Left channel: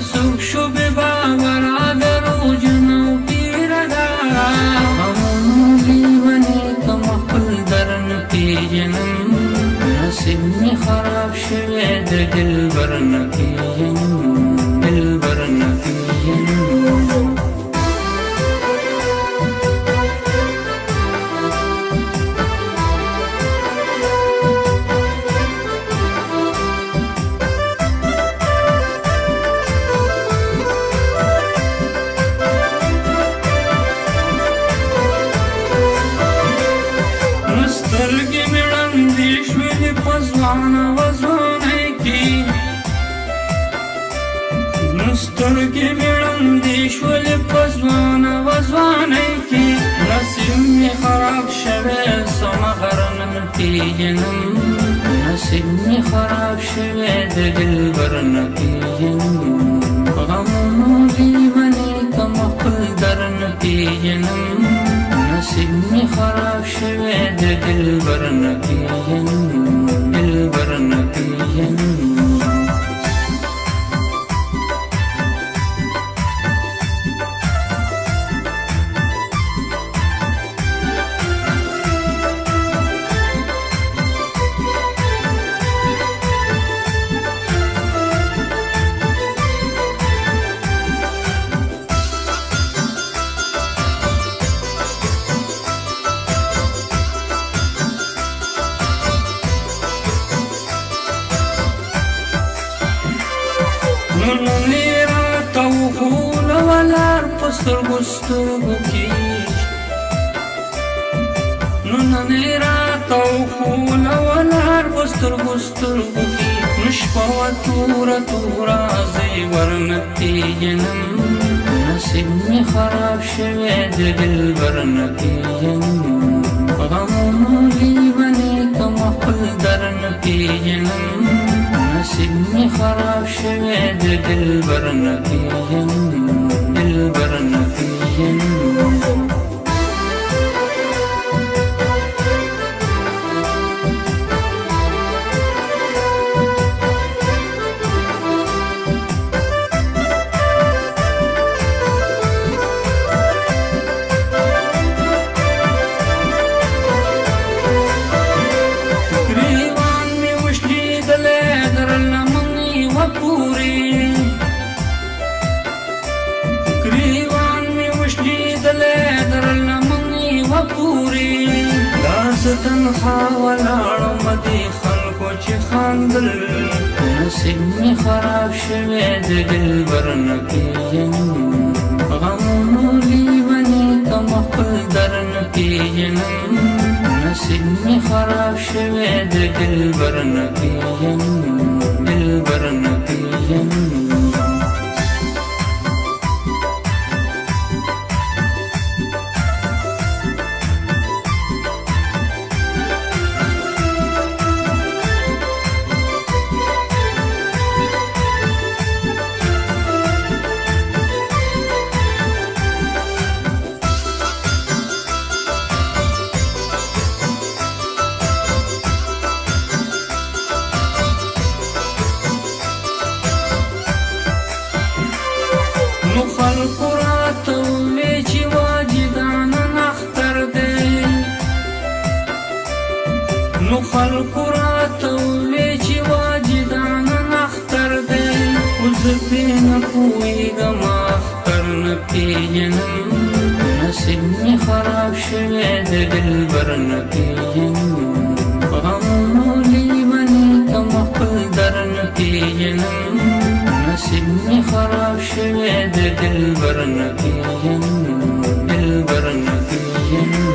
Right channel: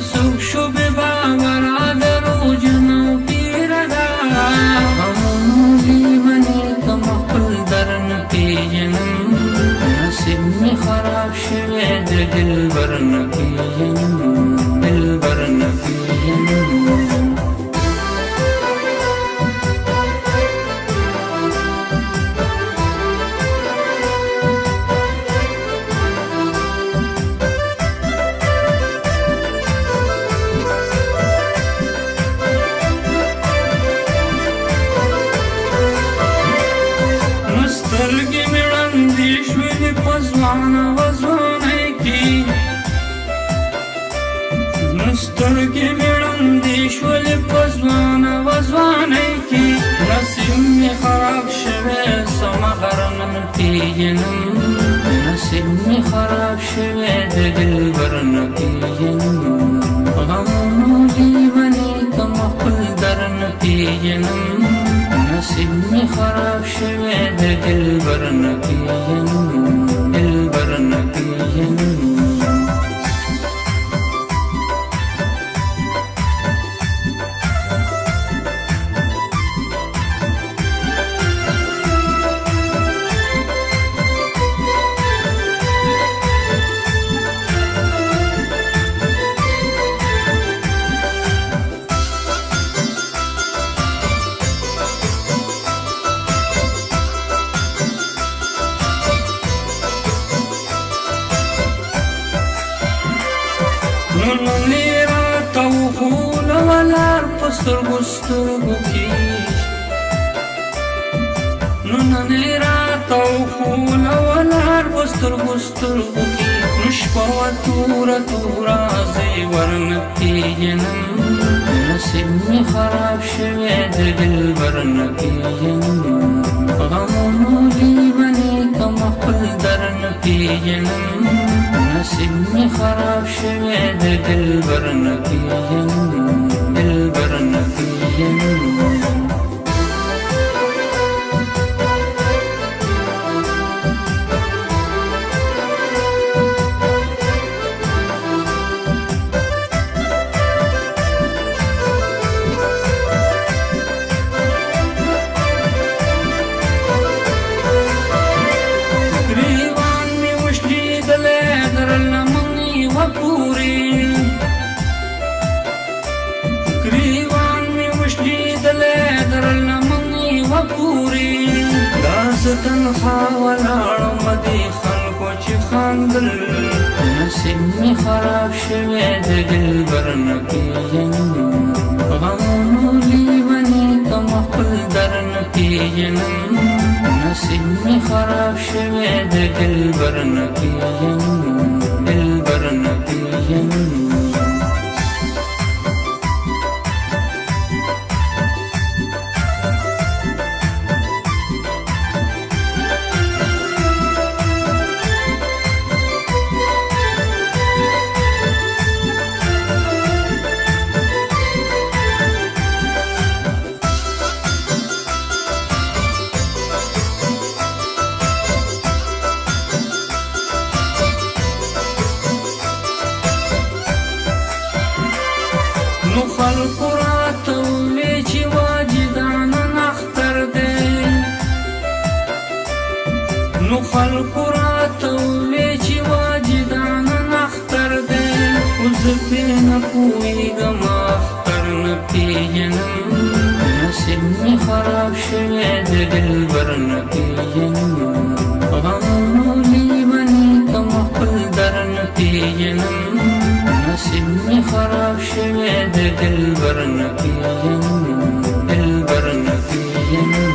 سوک شو بی باورا درو جنو پیردا غمونو لیونی کم خپل درن پیجنم نصیب می خراب شوی د دلبر نه پیژنم دلبر نه پیژنم سترګې مې ړندې شولې په ځوانه وځوانۍ کې سترګې مې ړندې شولې په ځوانه وځوانۍ کې نصیب مې خراب شوی سمه غر نه پیژنم نصیب مې خراب شوی د دلبر نه پیژنم غمونو لیونی کم خپل در نه پیژنم نصیب می خراب شوی د دلبر نه پیژنم دلبر نه پیژنم نونې راته وښوله ولار په سترګو سترګو کې نونې راته وښوله ولار په سترګو سترګو کې نو شپه وه توره توره زه یې ورنه پیژنم نصیب مې خراب شوی د دلبر نه پیژنم غمونو لیونی کم خپل در نه پیژنم نصیب می خراب شوی د دلبر نه پیژنم دلبر نه پیژنم گریوان می وشلیدلی در لمنی و پوری گریوان می وشلیدلی در لمنی و پوری داس تنخوا ولاړم دې خلکو چې خاندل نصیب می خراب شوی د دلبر نه پیژنم غمونو لیونی کم خپل در نه پیژنم نصیب می خراب شوی د دلبر نه پیژنم دلبر نه پیژنم نو خلقو راته ووی چې واجدانه نختر دی نو خلقو راته ووی چې واجدانه نختر دی خو زه پرې نه پوهېږم اختر نه پیژنم نصیب مې خراب شوی د دلبر نه پیژنم غمونو لیونی کم خپل در نه پیژنم نصیب می خراب شوی د دلبر نه پیژنم دلبر نه پیژنم